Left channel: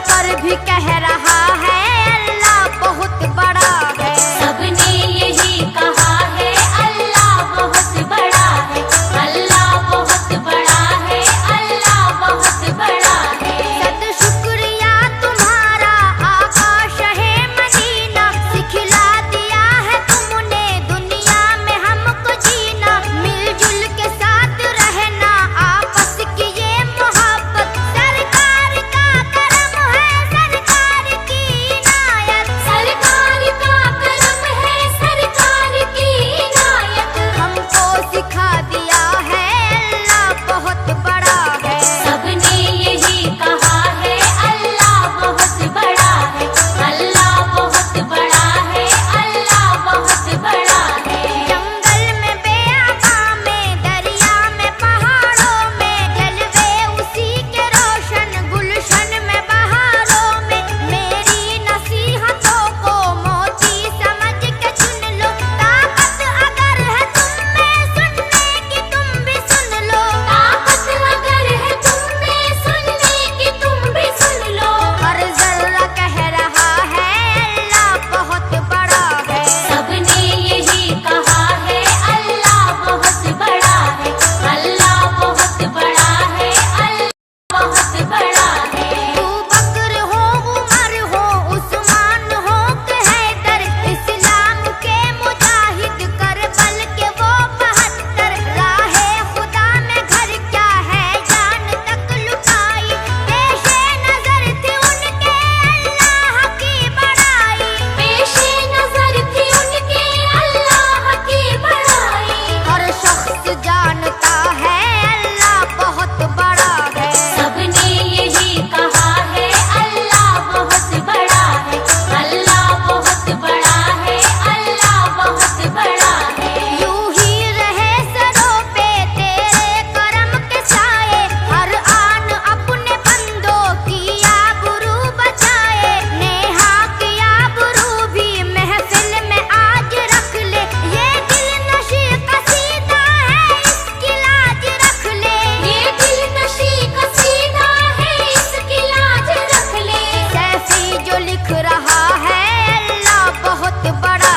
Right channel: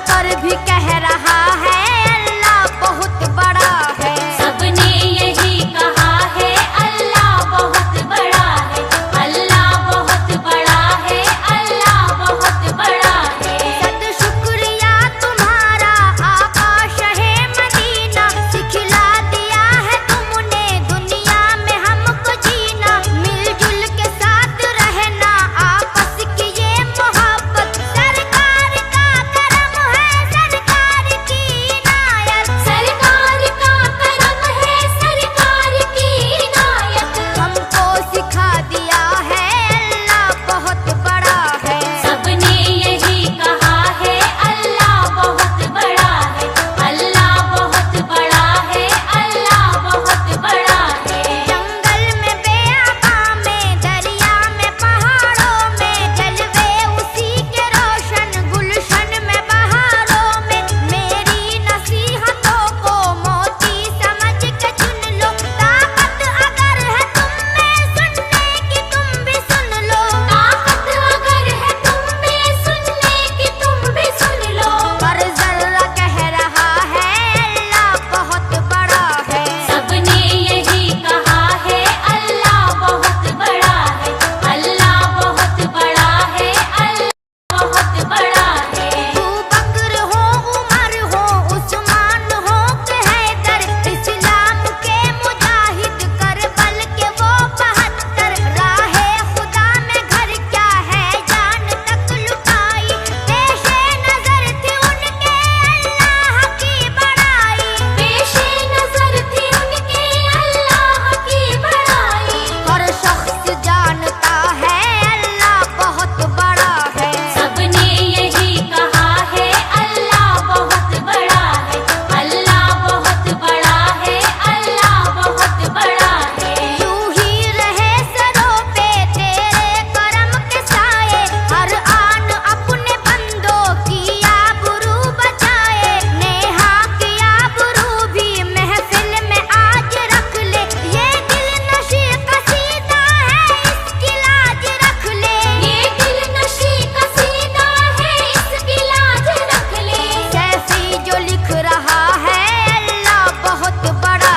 कर भी कह रहा है अल्लाह बहुत बड़ा है। सबने यही कहा है अल्लाह बहुत बड़ा है, अल्लाह बहुत बड़ा है, अल्लाह बहुत बड़ा है। सद शुक्रिया तुम्हारा आका शहे मदीना, सिखला दिया है तुमने दुनिया में हमको जीना। मिलजुल के साथ रहना आपस की ये मोहब्बत, सरकार का करम है सरकार की इनायत। सरकार का करम है सरकार की इनायत। हमको सिखा दिया है अल्लाह बहुत बड़ा है। सबने यही कहा है अल्लाह बहुत बड़ा है, अल्लाह बहुत बड़ा है, अल्लाह बहुत बड़ा है। जंगल में बेआबा में दरिया में पहाड़ों में जलवे उसी के रोशन गुलशन में बहारों में। मेरी नसीहतों को मोती समझ के चुन लो, ताकत अगर है तुम में सुनने की तुम भी सुन लो। ताकत अगर है तुम में सुनने की तुम भी सुन लो। हर जर्रा कह रहा है अल्लाह बहुत बड़ा है। सबने यही कहा है अल्लाह बहुत बड़ा है, अल्लाह बहुत बड़ा है, अल्लाह बहुत बड़ा है। अबू बकर हो उमर हो उस्मान हो कि हैदर, इस्लाम के मुजाहिद करबल के वो 72। राहे खुदा में घर क्या है जान तक लुटाई, पेशे नजर थी उनके अल्लाह की बड़ाई। पेशे नजर थी उनके अल्लाह की बड़ाई। हर शख्स जानता है अल्लाह बहुत बड़ा है। सबने यही कहा है अल्लाह बहुत बड़ा है, अल्लाह बहुत बड़ा है, अल्लाह बहुत बड़ा है। यूं ही रहे सरों पे तेरे करम के साए, हर आन अपने बंदों की आबरू बचाए। नेहा की आबरू भी महफिल में आज रख ले, ये दिल नशी कसीदा है इसकी लाज रख ले। ये दिल नशी कसीदा है इसकी लाज रख ले। सैफी जो लिख रहा है अल्लाह बहुत बड़ा